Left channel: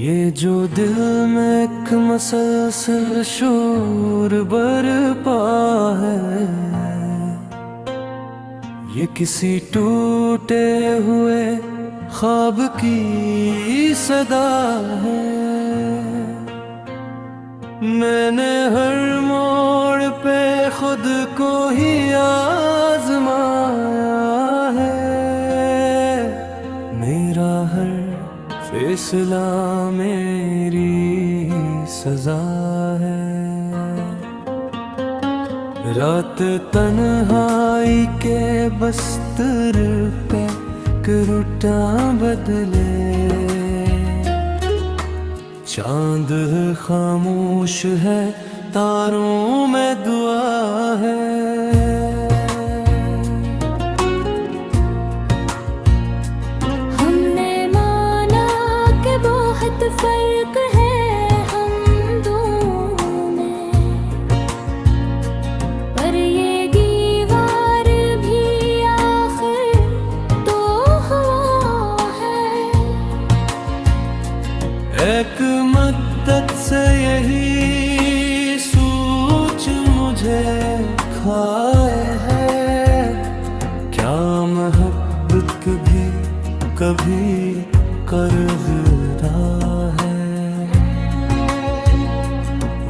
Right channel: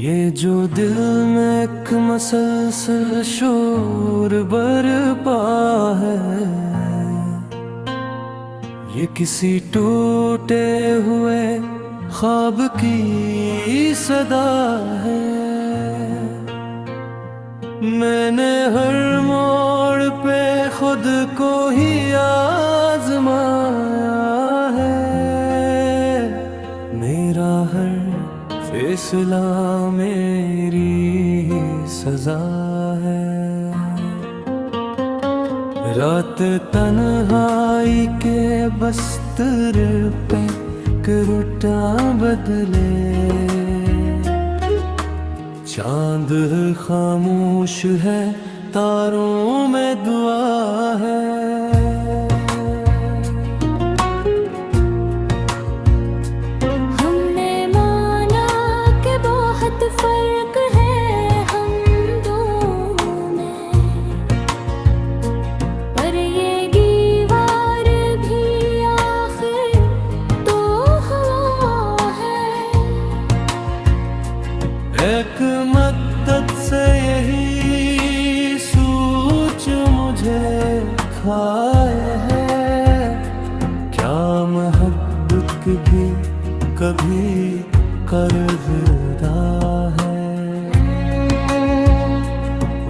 ये जो दिल में एक मसलसल शोर बरपा है, ये किसी टूटे हुए ख्वाब की सदा है। मैंने हर मोड़ पे खुद को ही आजमाया है, मेरा हर फैसला मेरी सजा है। रात तन्हाई के बस्तर पे करुटा बदले, चांद खामोश है तारों में दुआ है। फर्क है हम दोनों में, पर ये दीवार भी आखिर तो हवा है। एक मद्दत से यही सोच मुझे खाए है, क्या मोहब्बत भी कभी कर्ज़दा है।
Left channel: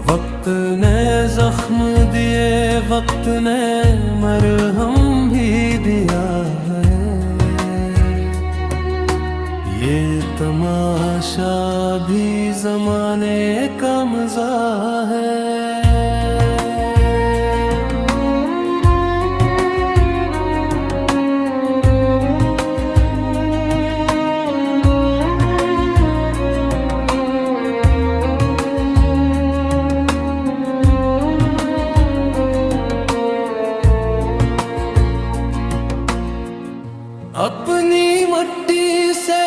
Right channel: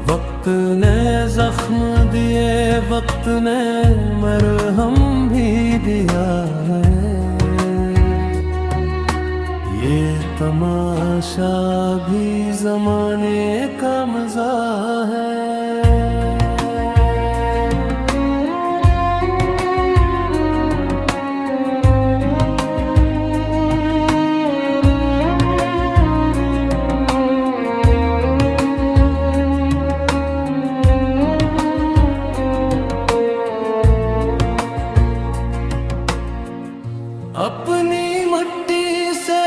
वक्त ने जख्म दिए, वक्त ने मरहम भी दिया है, ये तमाशा भी ज़माने का मज़ा है। अपनी मट्टी से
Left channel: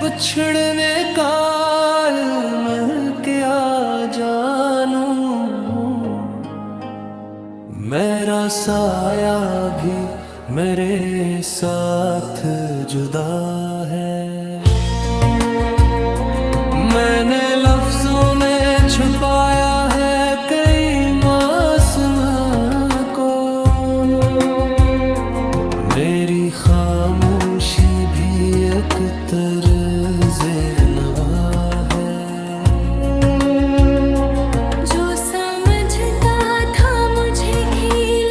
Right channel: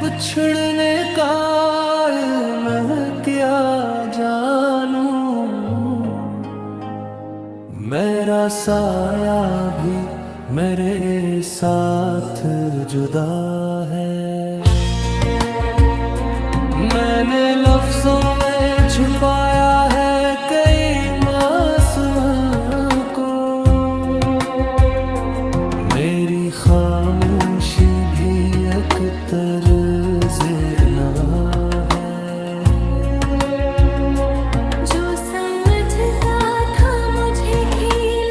बिछड़ने का मैं क्या जानूं, मेरा साया भी मेरे साथ जुदा है। मैंने लफ्जों में छुपाया है कई मासूम को, मेरी खामोशी भी एक तर्ज़े नवा है। जो समझता था मुझे खील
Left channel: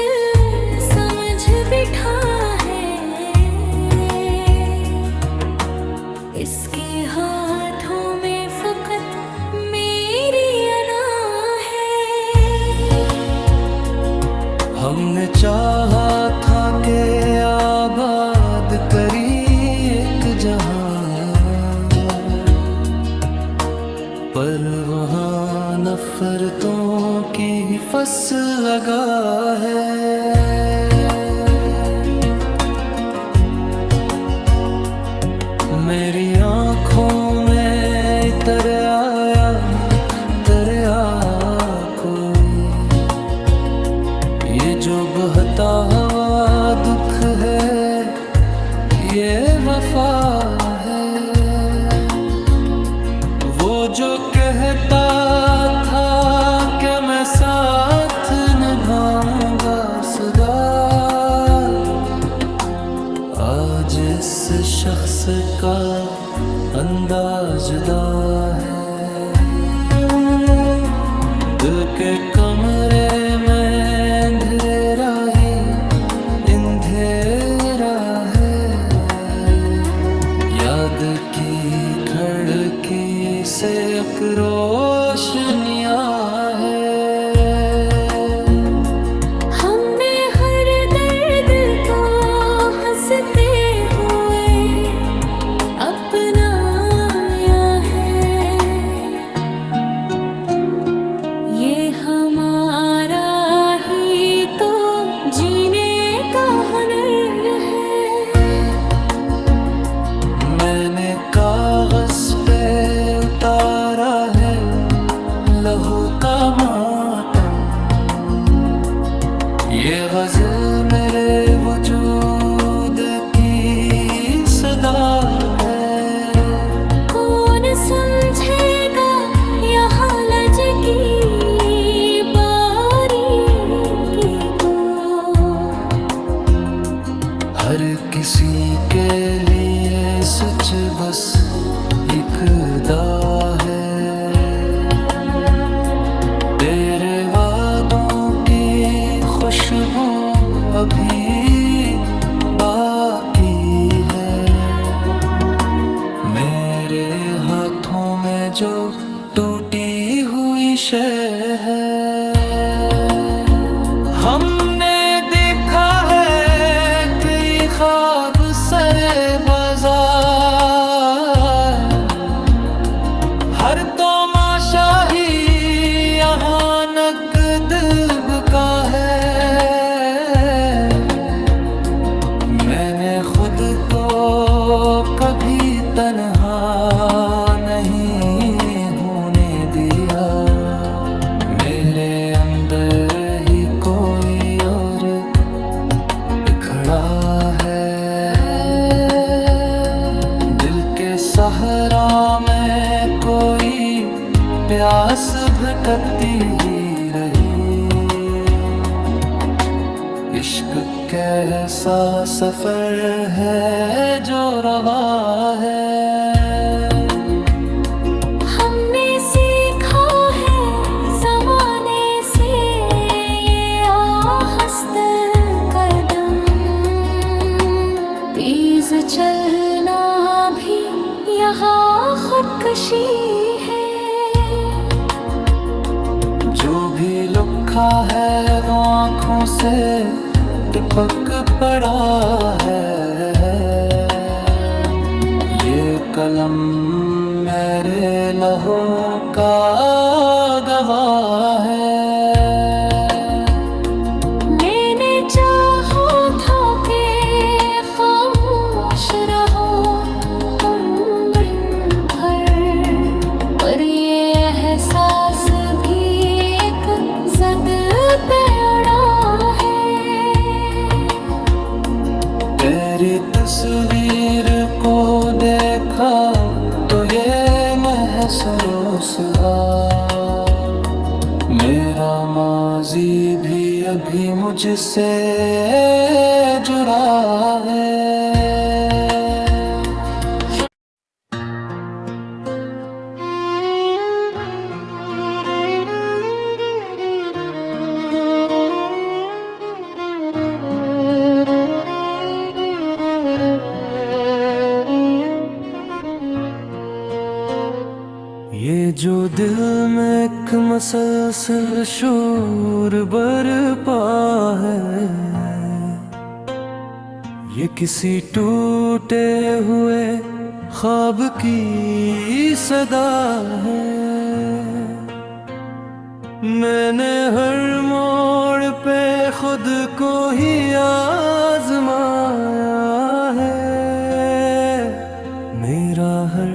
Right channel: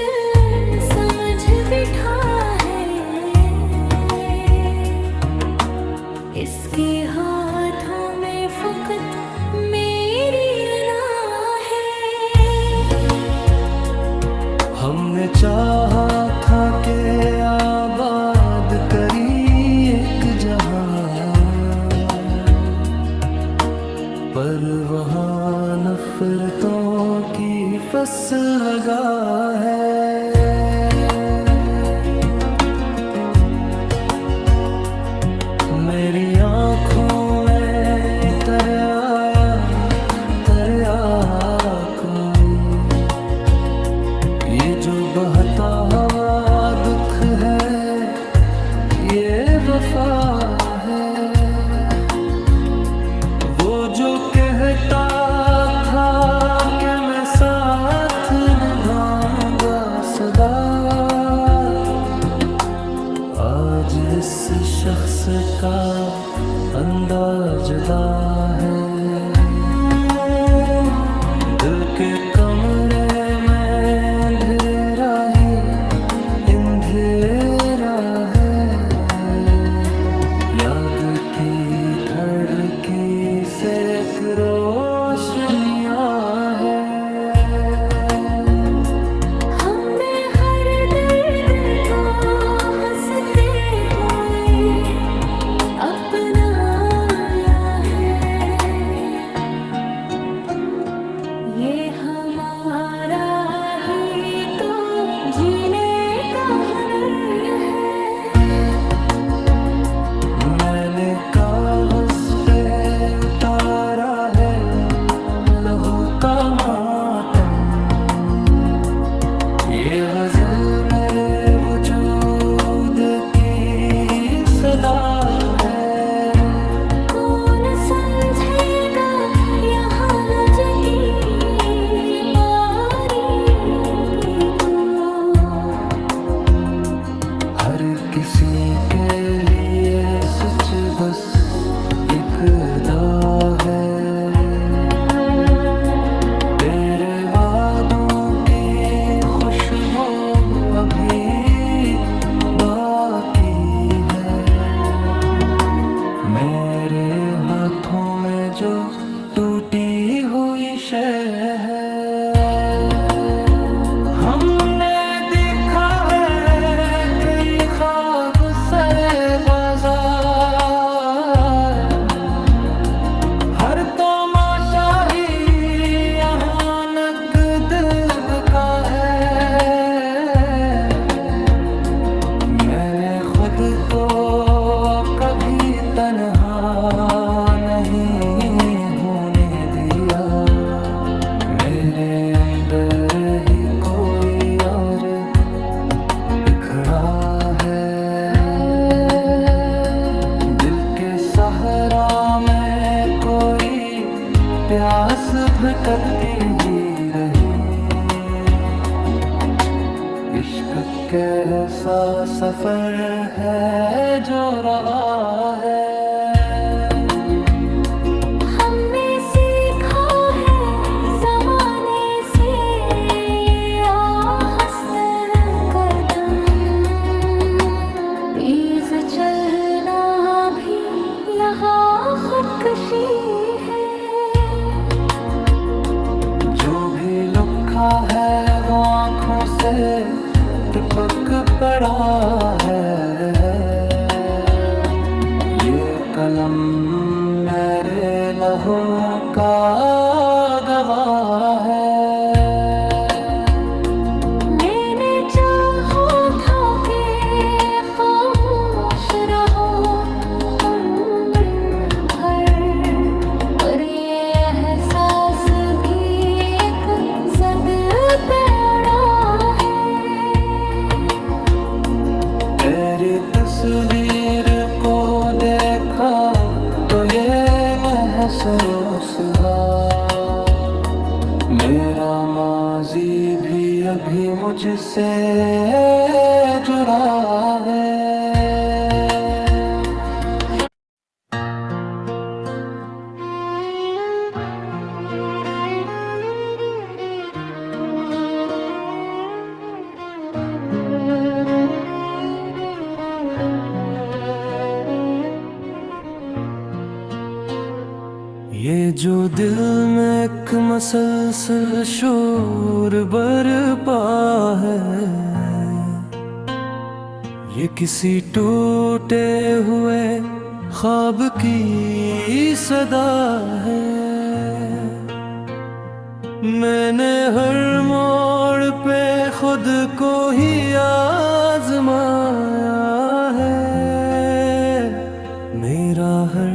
समझ बिठा है, इसके हाथों में फकत मेरी अना है। हमने चाहा था कि आबाद करी एक जहां, पर वहाँ नफरतों की फसल लगा है। मेरी आँखों में तरया कोई, ये जो बहता हवा दुख है, ये वफा है। वो जो कहता था कि मैं साथ निभाऊंगा सदा, आज इस शख्स का अंदाज जुदा है। दिल के कमरे में अंधेरा ही अंधेरा है, याद की खिड़की से एक रोशनिया है। हमने हर दर्द को हंसते हुए अपनाया है, ये हमारा ही तो जीने का हुनर है। मैंने कागज पे उतारा है लहू का मातम, ये गज़ल मेरे वजूद की सदा है। कौन समझे किसी के लिए सच बस एक अदा है, तेरे वादों की खुशबू अभी बाकी है। मेरे हाथों में जो टूटी हुई शय है, हमने देखा है कई ख्वाब सरे बाजार, हर तमाशा ही यहाँ नकद का है। मैंने खुद को कभी तन्हा नहीं होने दिया, मेरे अंदर ही कोई और खड़ा है। दिल के सहरा में कोई प्यास भटकती ही रही, इश्क कैसा सफर है जो रवा है। हमने सीखा है ज़माने से ये आहस्त कदम, तेज चलना भी यहाँ खुदकशी है। जो भी लिखा है वो आँखों से टपक पड़ा है, ये कलम मेरे लहू का गवाह है। मैंने चाहा था कि खामोश रहो तुम दिन भर, पर ये एहसास भी एक ज़द पे अड़ा है। तेरी तस्वीर को देखा तो ये महसूस हुआ, मेरा माजी भी अभी मुझसे जुड़ा है। ये जो दिल में एक मसलसल शोर बरपा है, ये किसी टूटे हुए ख्वाब की सदा है। मैंने हर मोड़ पे खुद को ही आजमाया है, मेरा हर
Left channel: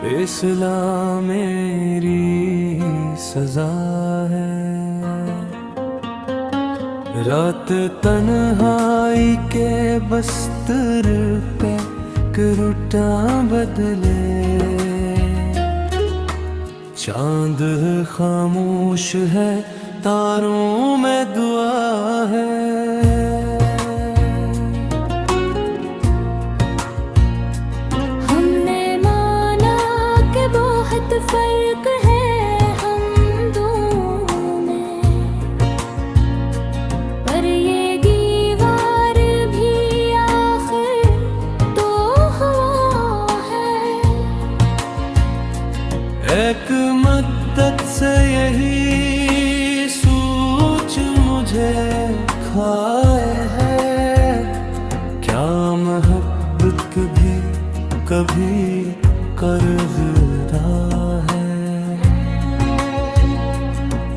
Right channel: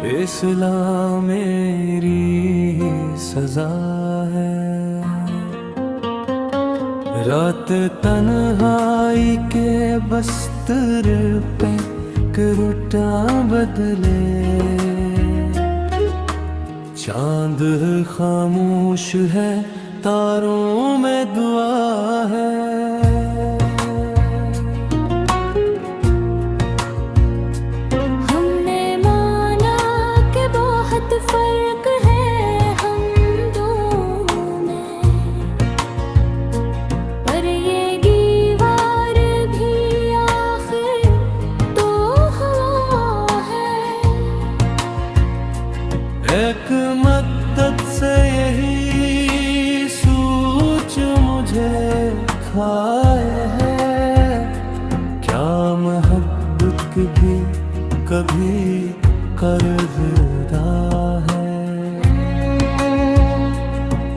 फैसला मेरी सजा है। रात तन्हाई के बस्तर पे करुटा बदले, चांद खामोश है तारों में दुआ है। फर्क है हम दोनों में, पर ये दीवार भी आखिर तो हवा है। एक मद्दत से यही सोच मुझे खाए है, क्या मोहब्बत भी कभी कर्ज़दा है।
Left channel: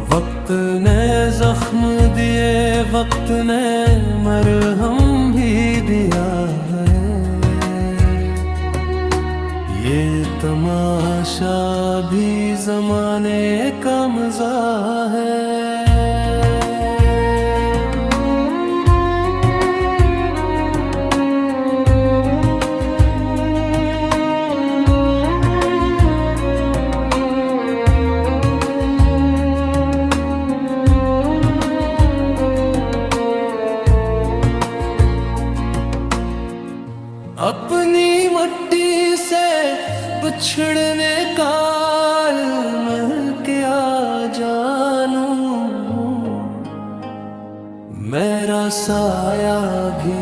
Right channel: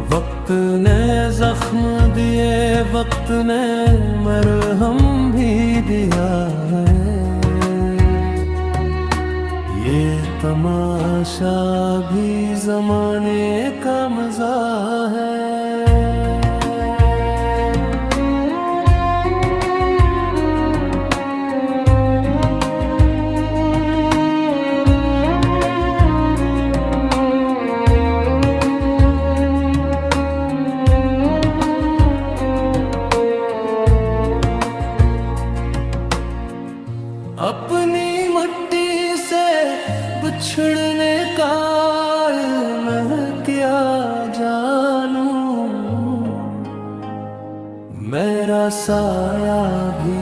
वक्त ने जख्म दिए, वक्त ने मरहम भी दिया है, ये तमाशा भी ज़माने का मज़ा है। बिछड़ने का मैं क्या जानूं, मेरा साया भी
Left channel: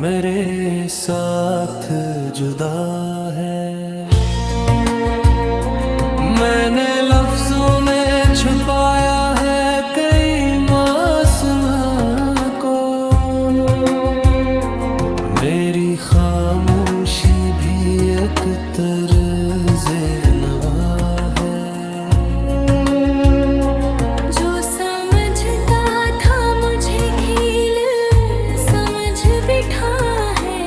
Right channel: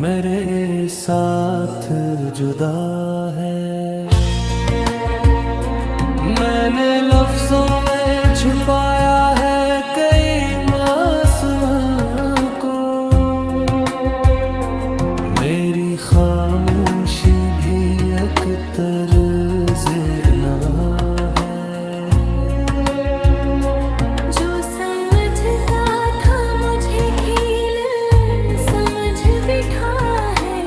मेरे साथ जुदा है। मैंने लफ्जों में छुपाया है कई मासूम को, मेरी खामोशी भी एक तर्ज़े नवा है। जो समझता था मुझे खील समझ बिठा है,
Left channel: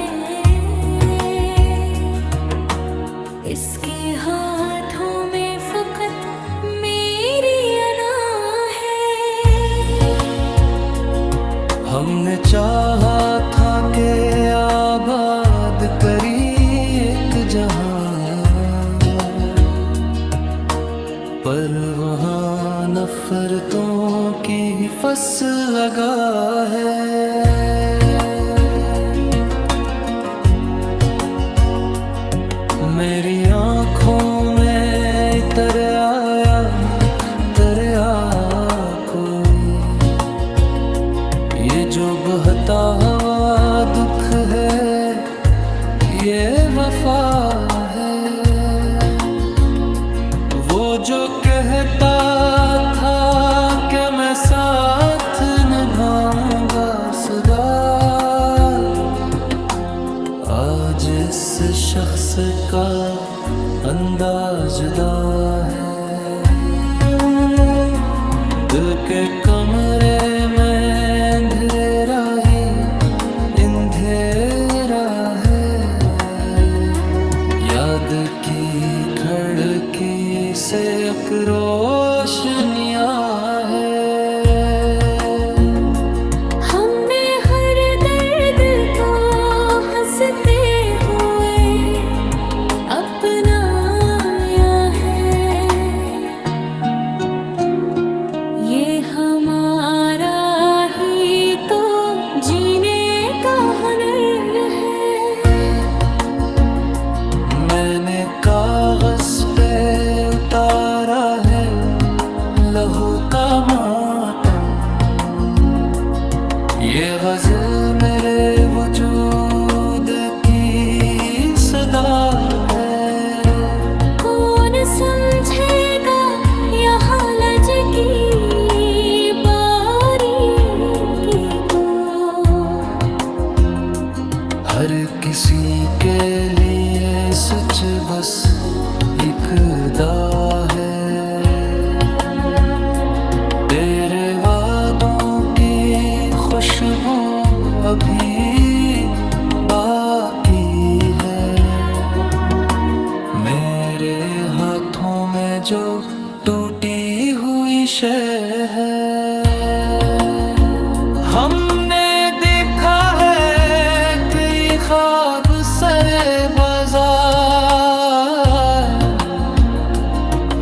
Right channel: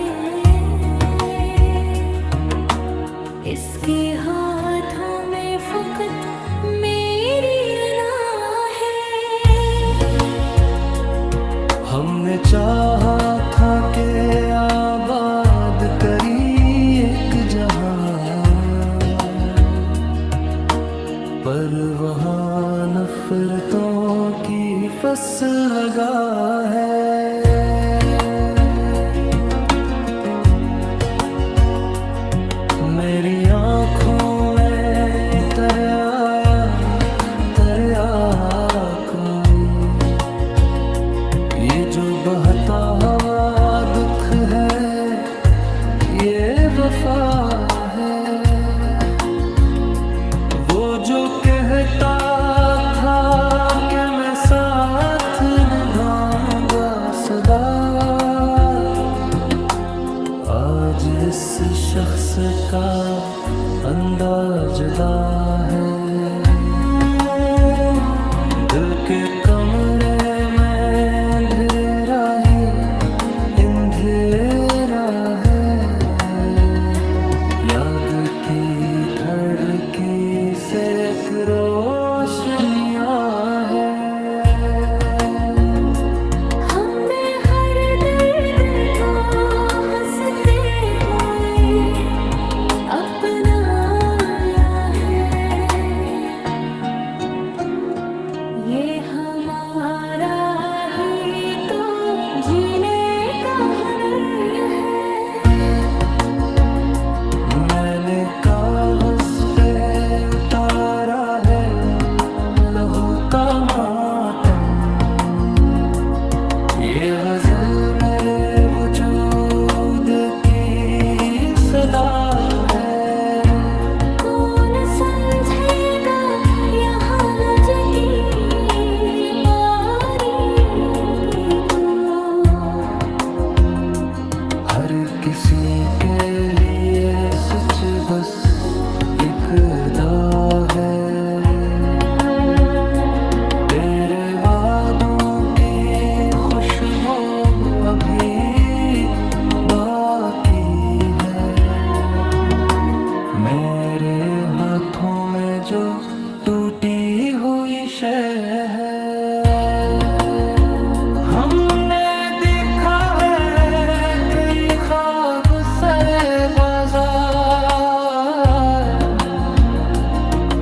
इसके हाथों में फकत मेरी अना है। हमने चाहा था कि आबाद करी एक जहां, पर वहाँ नफरतों की फसल लगा है। मेरी आँखों में तरया कोई, ये जो बहता हवा दुख है, ये वफा है। वो जो कहता था कि मैं साथ निभाऊंगा सदा, आज इस शख्स का अंदाज जुदा है। दिल के कमरे में अंधेरा ही अंधेरा है, याद की खिड़की से एक रोशनिया है। हमने हर दर्द को हंसते हुए अपनाया है, ये हमारा ही तो जीने का हुनर है। मैंने कागज पे उतारा है लहू का मातम, ये गज़ल मेरे वजूद की सदा है। कौन समझेगा यहाँ लज की बारीकी को, हर किसी के लिए सच बस एक खुदा है। तेरे वादों की खुशबू अभी बाकी है, मेरे हाथों में जो टूटी हुई शय है। हमने देखा है कई ख्वाब सरे बाजार,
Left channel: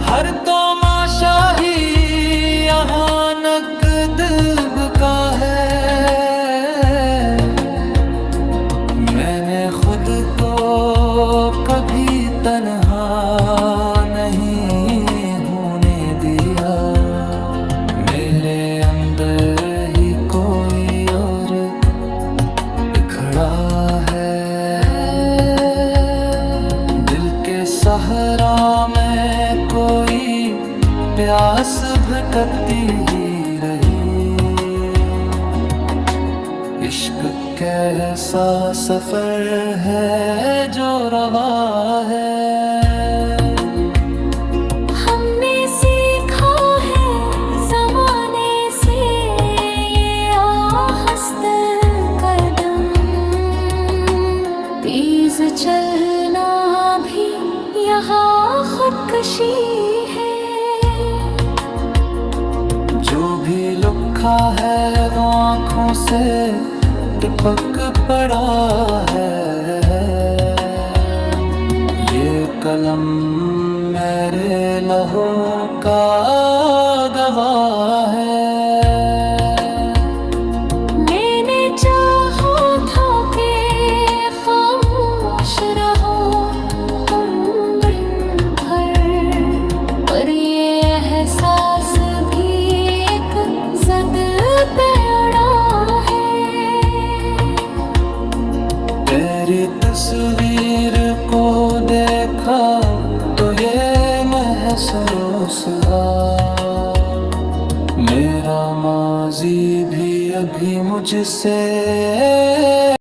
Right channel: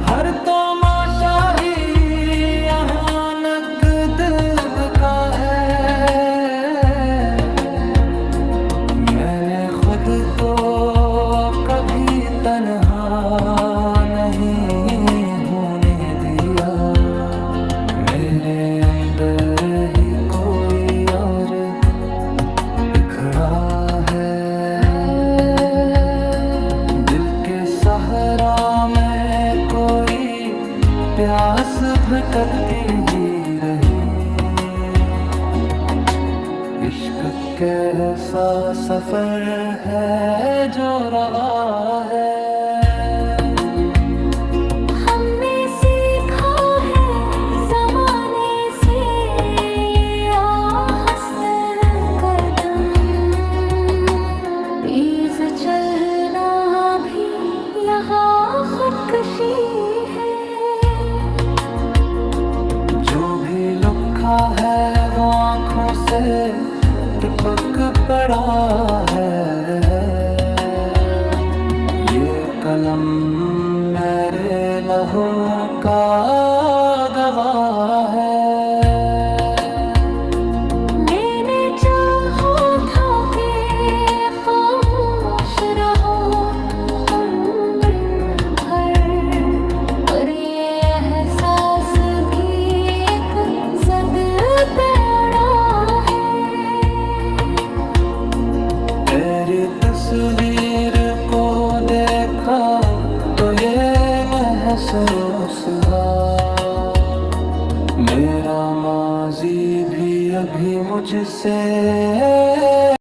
हर तमाशा ही यहाँ नकद का है। मैंने खुद को कभी तन्हा नहीं होने दिया, मेरे अंदर ही कोई और बिखरा है। दिल के सहरा में कोई प्यास भटकती ही रही, इश्क कैसा सफर है जो रवा है। हमने सीखा है ज़माने से ये आहस्त कदम, तेज चलना भी यहाँ खुदकशी है। जो भी लिखा है वो आँखों से टपक पड़ा है, ये कलम मेरे लहू का गवाह है। मैंने चाहा था कि खामोश रहो तुम बिन, तेरी तस्वीर को देखा तो ये महसूस हुआ मेरा माजी भी अभी मुझसे